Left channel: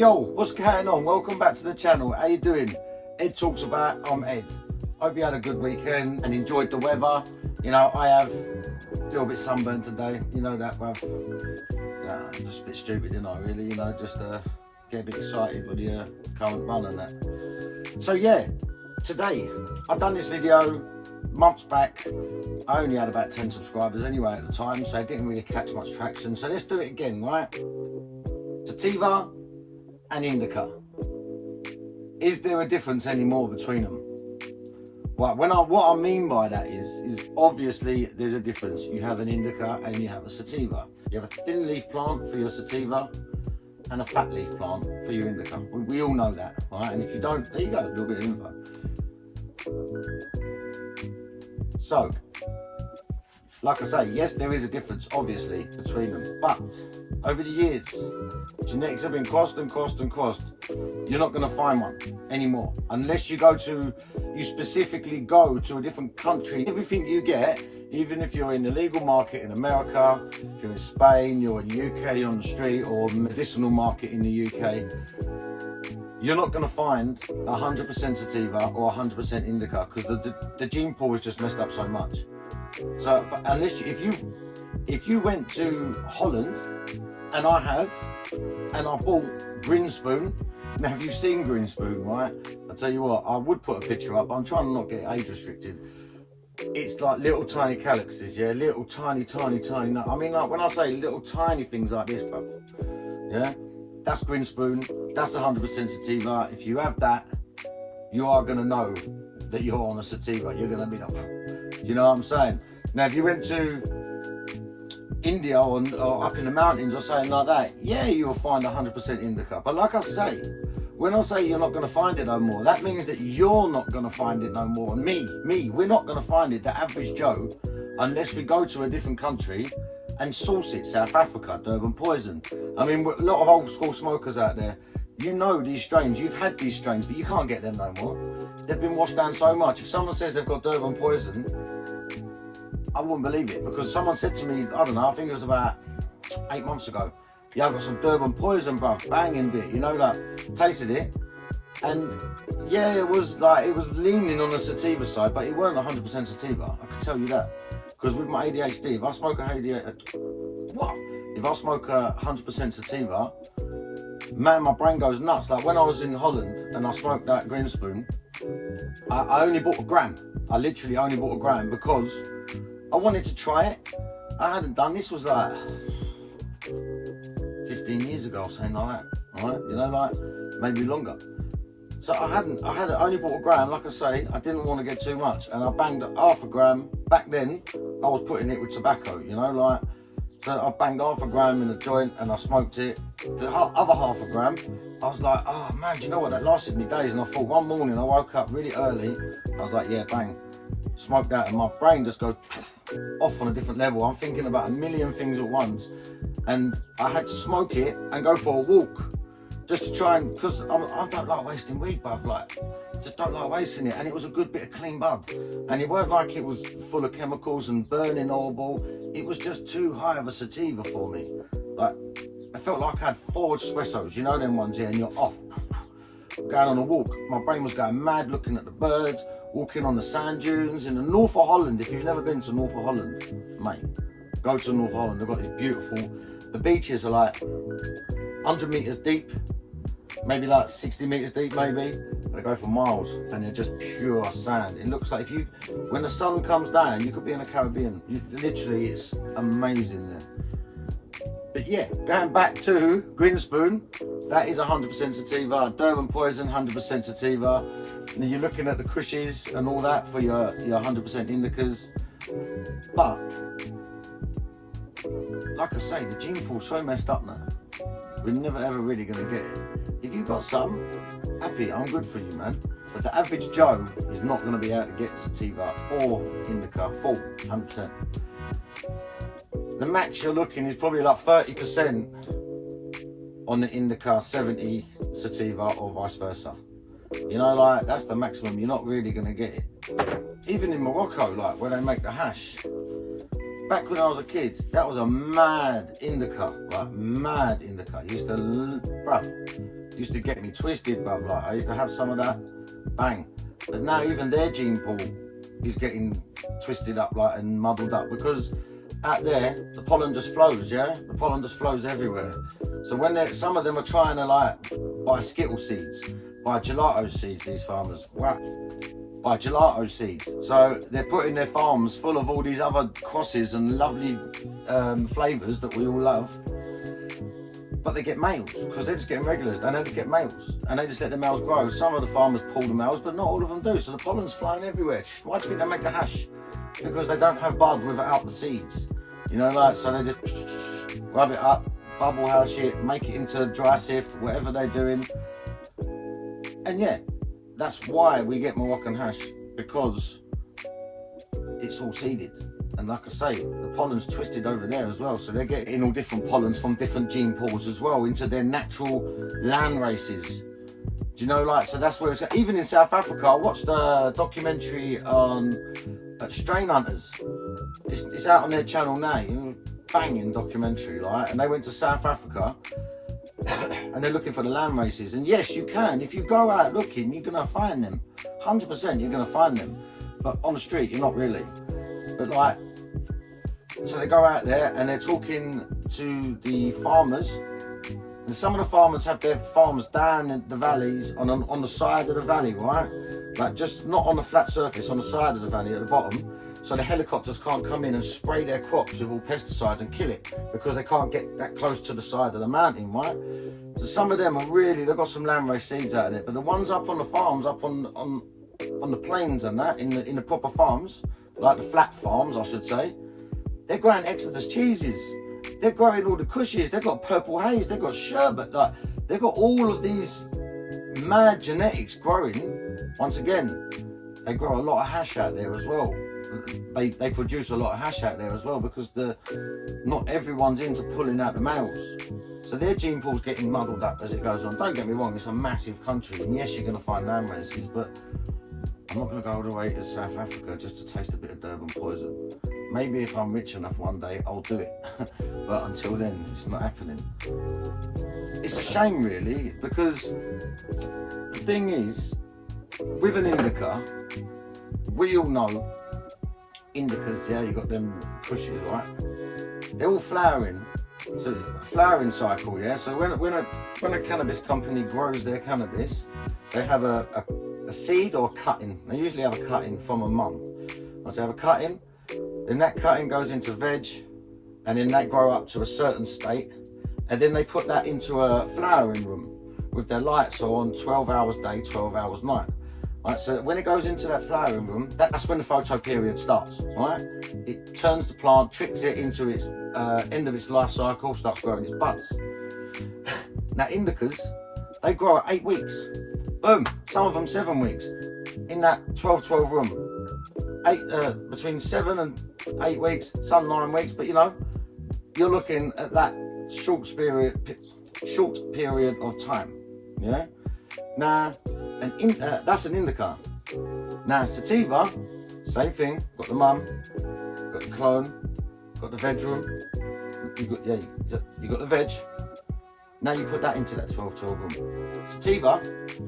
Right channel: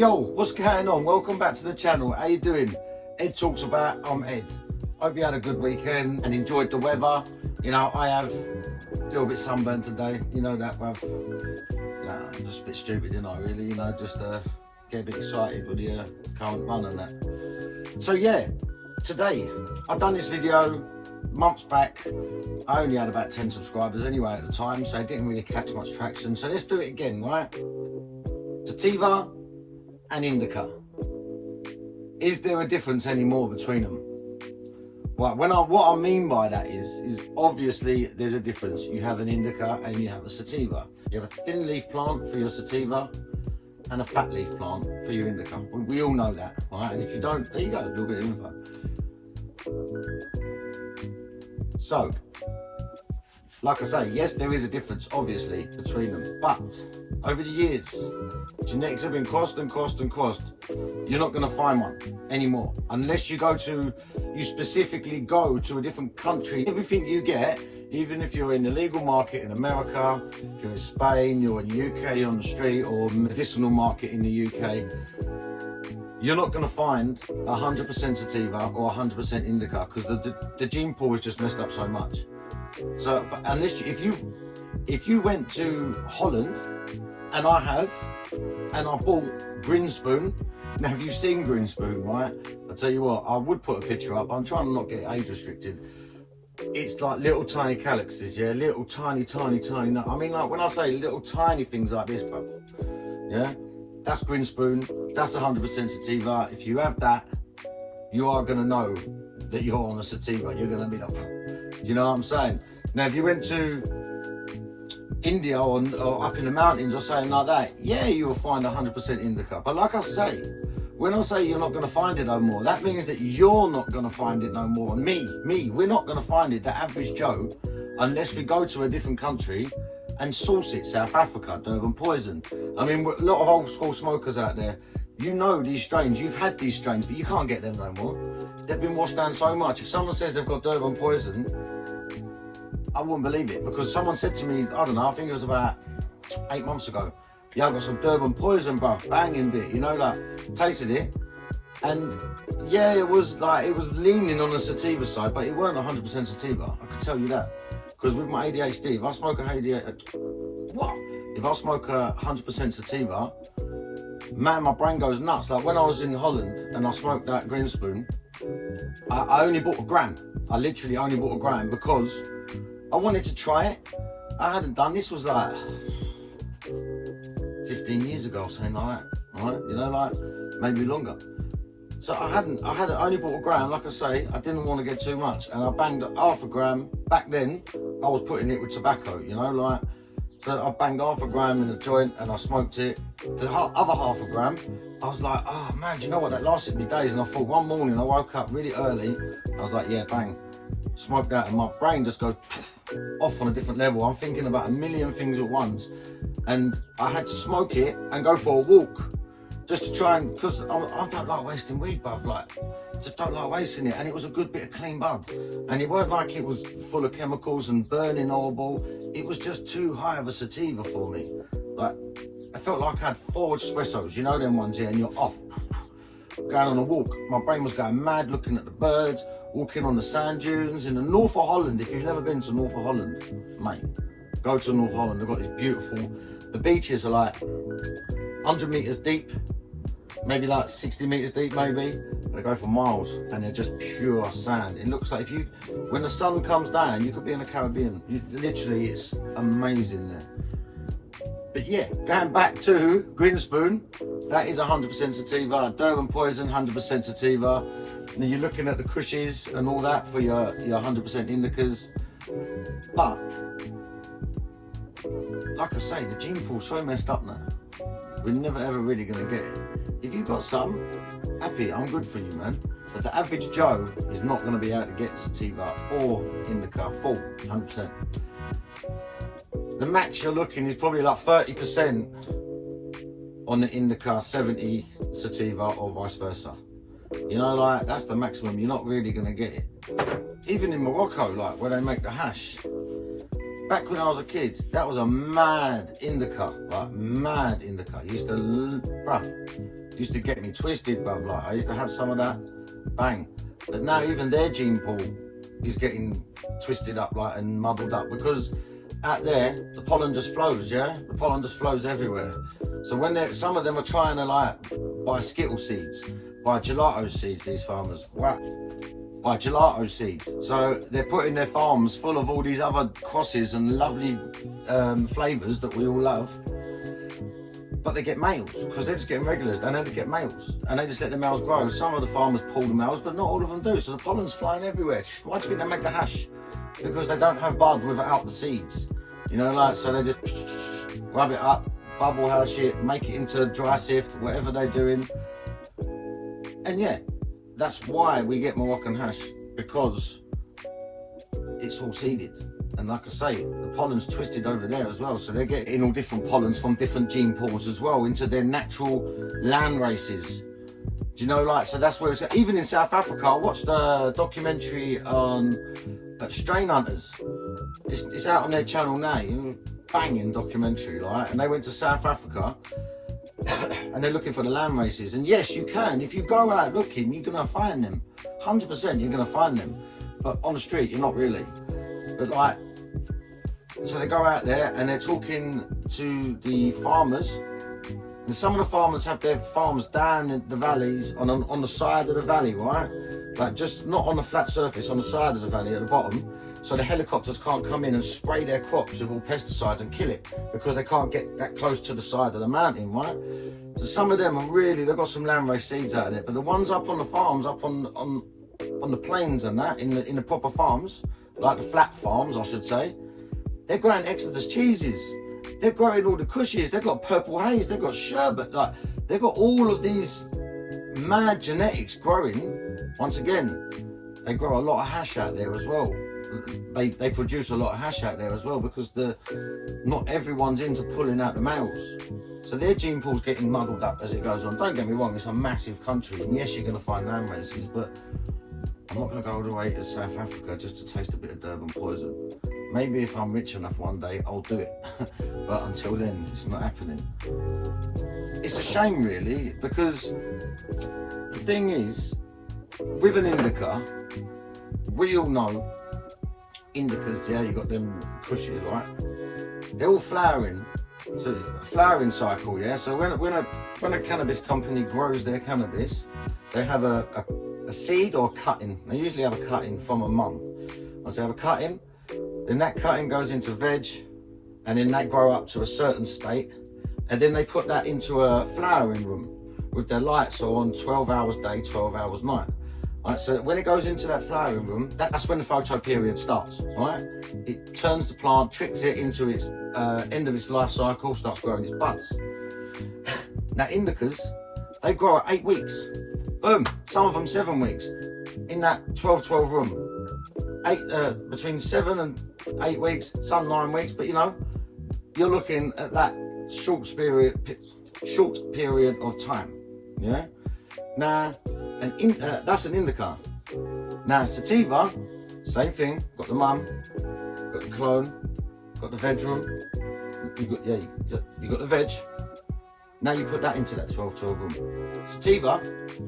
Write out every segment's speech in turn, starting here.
Yo, what's going on? Welcome back to the channel. How you doing? Ed Talks About. I'm Ed. Hope you had a good weekend and enjoyed the weather. You know, I have a little bit sunburned today. You know that, bruv. I'm just a bit stupid, you know, really. You know, just get a bit excited with the current bun and that. So yeah, today I've done this video months back. I only had about 10 subscribers anyway at the time, so it didn't really catch much traction. So let's do it again, right? Sativa and indica. Is there a difference anymore between them? Right, what I mean by that is obviously there's a difference. You have an indica and you have a sativa. You have a thin leaf plant for your sativa and a fat leaf plant for your indica. We all know that, right? And if you don't, there you go, do a bit of info. So, like I say, yes, there is a difference, obviously, between them. But over the years, genetics have been crossed and crossed and crossed. You're not going to find one anymore unless you specifically go to a different country. Everything you get, even if you're in the legal market in America, if you're in Spain, you're in the UK on the street, or the medicinal market in the UK, you're not going to find 100% sativa or 100% indica because the gene pool is just messed up so much. So unless if you went to Holland, and I bought Green Spoon. Now, have you seen Green Spoon, right? I'll tell you what, I would put a picture up. I'm trying to not get age restricted. It's like little tiny calyxes, yeah? Little tiny. I mean, like when I say little tiny things like this, bruv, yeah? That's Green Spoon. That's 100% sativa. If you have that, you are going to know that you're on a sativa. You're going to be like, you know what I'm saying? Now, if you went to India or up in the mountains or something like that, yeah, you'll find 100% indica. But like I say, when I say you're not going to find it no more, that means that you're not going to find it no more. Me, we're not going to find it, the average Joe, unless we go to a different country and source it. South Africa, Durban poison. I mean, a lot of old school smokers out there, you know these strains, you've had these strains, but you can't get them no more. They've been washed down so much. If someone says they've got Durban poison, I wouldn't believe it, because someone said to me, I don't know, I think it was about 8 months ago, yeah, I've got some Durban poison, bruv, banging bit, you know, like, tasted it, and yeah, it was leaning on the sativa side, but it weren't 100% sativa, I can tell you that, because with my ADHD, if I smoke a 100% sativa, man, my brain goes nuts. Like when I was in Holland and I smoked that Green Spoon, I only bought a gram. I literally only bought a gram because I wanted to try it. I hadn't done this, was like 15 years ago, something like that, right? You know, like maybe longer. So I only bought a gram. Like I say, I didn't want to get too much, and I banged half a gram. Back then, I was putting it with tobacco, you know, like. So I banged half a gram in a joint and I smoked it. The other half a gram, I was like, oh man, do you know what? That lasted me days. And I thought one morning I woke up really early. I was like, yeah, bang, smoked that, and my brain just goes off on a different level. I'm thinking about a million things at once, and I had to smoke it and go for a walk just to try and, because I don't like wasting weed, bruv, like, just don't like wasting it. And it was a good bit of clean bud, and it weren't like it was full of chemicals and burning horrible. It was just too high of a sativa for me. Like, I felt like I had 4 espressos, you know them ones here, and you're off, going on a walk. My brain was going mad looking at the birds, walking on the sand dunes in the north of Holland. If you've never been to north of Holland, mate, go to North Holland. They've got this beautiful, the beaches are like 100 meters deep, maybe like 60 meters deep, maybe. They go for miles, and they're just pure sand. It looks like when the sun comes down, you could be in the Caribbean. Literally, it's amazing there. But yeah, going back to Green Spoon, that is 100% sativa. Durban poison, 100% sativa. And then you're looking at the cushies and all that for your 100% indicas. But like I say, the gene pool's so messed up now. We're never ever really gonna get it. If you've got some, happy, I'm good for you, man. But the average Joe is not gonna be able to get sativa or indica full, 100%. The max you're looking is probably like 30% on the indica, 70 sativa, or vice versa. You know, like, that's the maximum. You're not really gonna get it. Even in Morocco, like where they make the hash, back when I was a kid, that was a mad indica, like mad indica. Used to get me twisted, bruv. Like I used to have some of that, bang. But now even their gene pool is getting twisted up, like, and muddled up, because out there the pollen just flows, yeah. The pollen just flows everywhere. So when some of them are trying to like buy Skittle seeds, buy gelato seeds, these farmers, wow, buy gelato seeds. So they're putting their farms full of all these other crosses and lovely flavours that we all love. But they get males, because they're just getting regulars. They don't get males, and they just let the males grow. Some of the farmers pull the males, but not all of them do. So the pollen's flying everywhere. Why do you think they make the hash? Because they don't have bud without the seeds. You know, like, so they just rub it up, bubble hash it, make it into dry sift, whatever they're doing. And yeah, that's why we get Moroccan hash, because it's all seeded. And like I say, the pollen's twisted over there as well, so they're getting all different pollens from different gene pools as well into their natural land races. Do you know, like, so that's where it's at. Even in South Africa, I watched a documentary on strain hunters. It's out on their channel now, you know, banging documentary, like, and they went to South Africa and they're looking for the land races. And yes, you can, if you go out looking, you're gonna find them. 100% you're gonna find them, but on the street you're not really. But like, so they go out there and they're talking to the farmers, and some of the farmers have their farms down in the valleys, on the side of the valley, right? Like, just not on the flat surface, on the side of the valley at the bottom, so the helicopters can't come in and spray their crops with all pesticides and kill it, because they can't get that close to the side of the mountain, right? So some of them are really, they've got some landrace seeds out there, but the ones up on the farms, up on the plains and that, in the proper farms, like the flat farms, I should say, they're growing Exodus cheeses. They're growing all the cushies. They've got purple haze. They've got sherbet. Like, they've got all of these mad genetics growing. Once again, they grow a lot of hash out there as well. They produce a lot of hash out there as well, because not everyone's into pulling out the males. So their gene pool's getting muddled up as it goes on. Don't get me wrong, it's a massive country, and yes, you're going to find land races, but I'm not going to go all the way to South Africa just to taste a bit of Durban poison. Maybe if I'm rich enough one day, I'll do it. But until then, it's not happening. It's a shame, really, because the thing is, with an indica, we all know indicas, yeah, you got them pushes, right? They're all flowering. So flowering cycle, yeah. So when a cannabis company grows their cannabis, they have a seed or cutting. They usually have a cutting from a mum. So they have a cutting, then that cutting goes into veg, and then they grow up to a certain state, and then they put that into a flowering room with their lights on 12 hours day, 12 hours night. Right, so when it goes into that flowering room, that's when the photo period starts, right? It turns the plant, tricks it into its end of its life cycle, starts growing its buds. Now indicas, they grow at 8 weeks. Boom, some of them 7 weeks. In that 12-12 room. Between 7 and 8 weeks, some 9 weeks, but you know, you're looking at that short period of time, yeah? Now, that's an indica. Now, sativa, same thing. Got the mum, got the clone, got the veg room. You got the veg. Now you put that into that 12-12 room. Sativa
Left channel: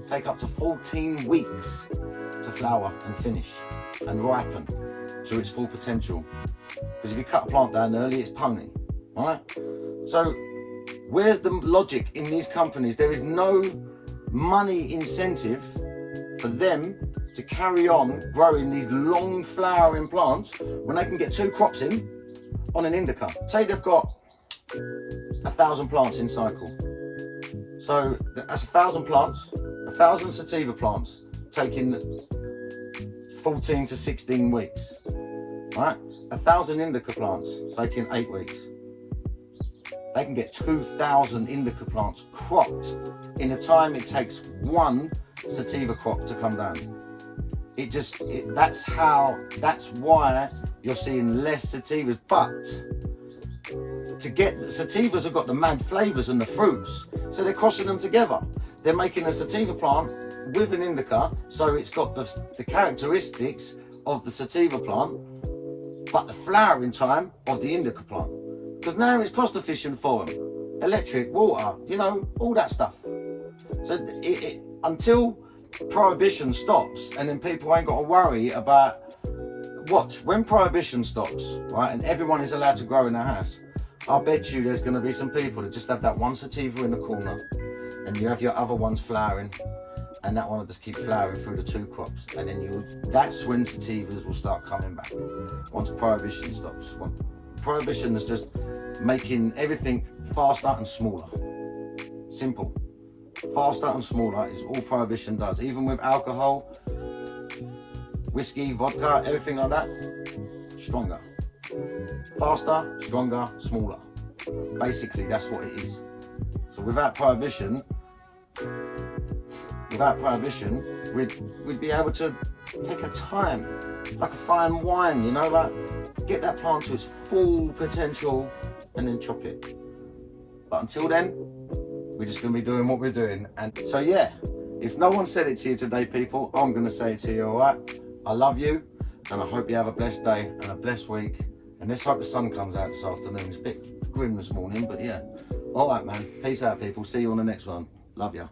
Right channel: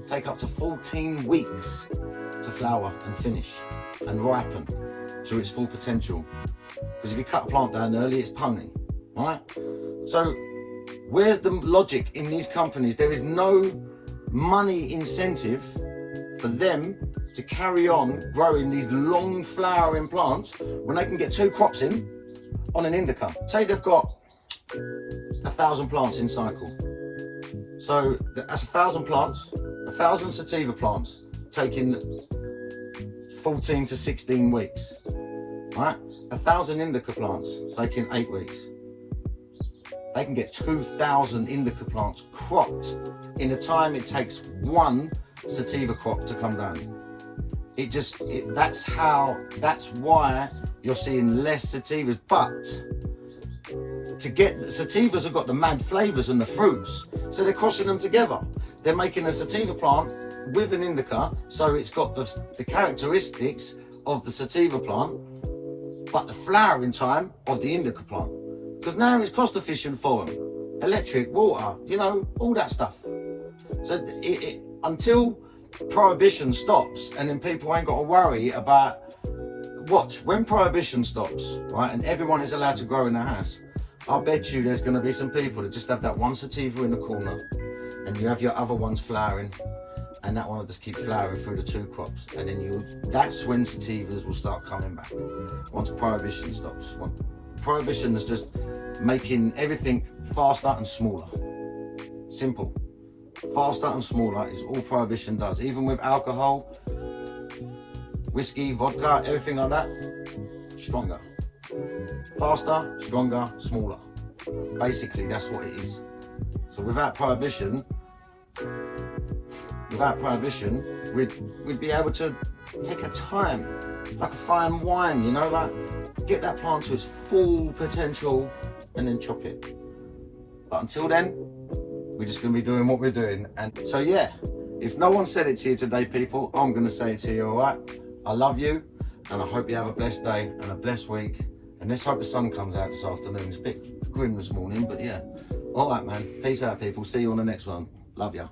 take up to 14 weeks to flower and finish and ripen to its full potential. Because if you cut a plant down early, it's pony, right? So, where's the logic in these companies? There is no money incentive for them to carry on growing these long flowering plants when they can get 2 crops in on an indica. Say they've got 1,000 plants in cycle. So that's 1,000 plants, 1,000 sativa plants taking 14 to 16 weeks, right? 1,000 indica plants taking 8 weeks. They can get 2,000 indica plants cropped in the time it takes 1 sativa crop to come down. That's why you're seeing less sativas. But to get sativas have got the mad flavors and the fruits, so they're crossing them together. They're making a sativa plant with an indica, so it's got the characteristics of the sativa plant, but the flowering time of the indica plant. Because now it's cost efficient for them. Electric, water, you know, all that stuff. So until prohibition stops, and then people ain't got to worry about when prohibition stops, right, and everyone is allowed to grow in their house, I bet you there's going to be some people that just have that one sativa in the corner, and you have your other ones flowering, and that one will just keep flowering through the 2 crops, and then that's when sativas will start coming back, once prohibition stops. Prohibition is just making everything faster and smaller. Simple. Faster and smaller is all prohibition does. Even with alcohol, whiskey, vodka, everything like that, stronger. Faster, stronger, smaller. Basically, that's what it is. So without prohibition, we'd be able to take our time, like a fine wine, you know, like get that plant to its full potential and then chop it. But until then, we're just going to be doing what we're doing. And so yeah, if no one said it to you today, people, I'm going to say it to you, all right? I love you, and I hope you have a blessed day and a blessed week. And let's hope the sun comes out this afternoon. It's a bit grim this morning, but yeah. All right, man. Peace out, people. See you on the next one. Love ya.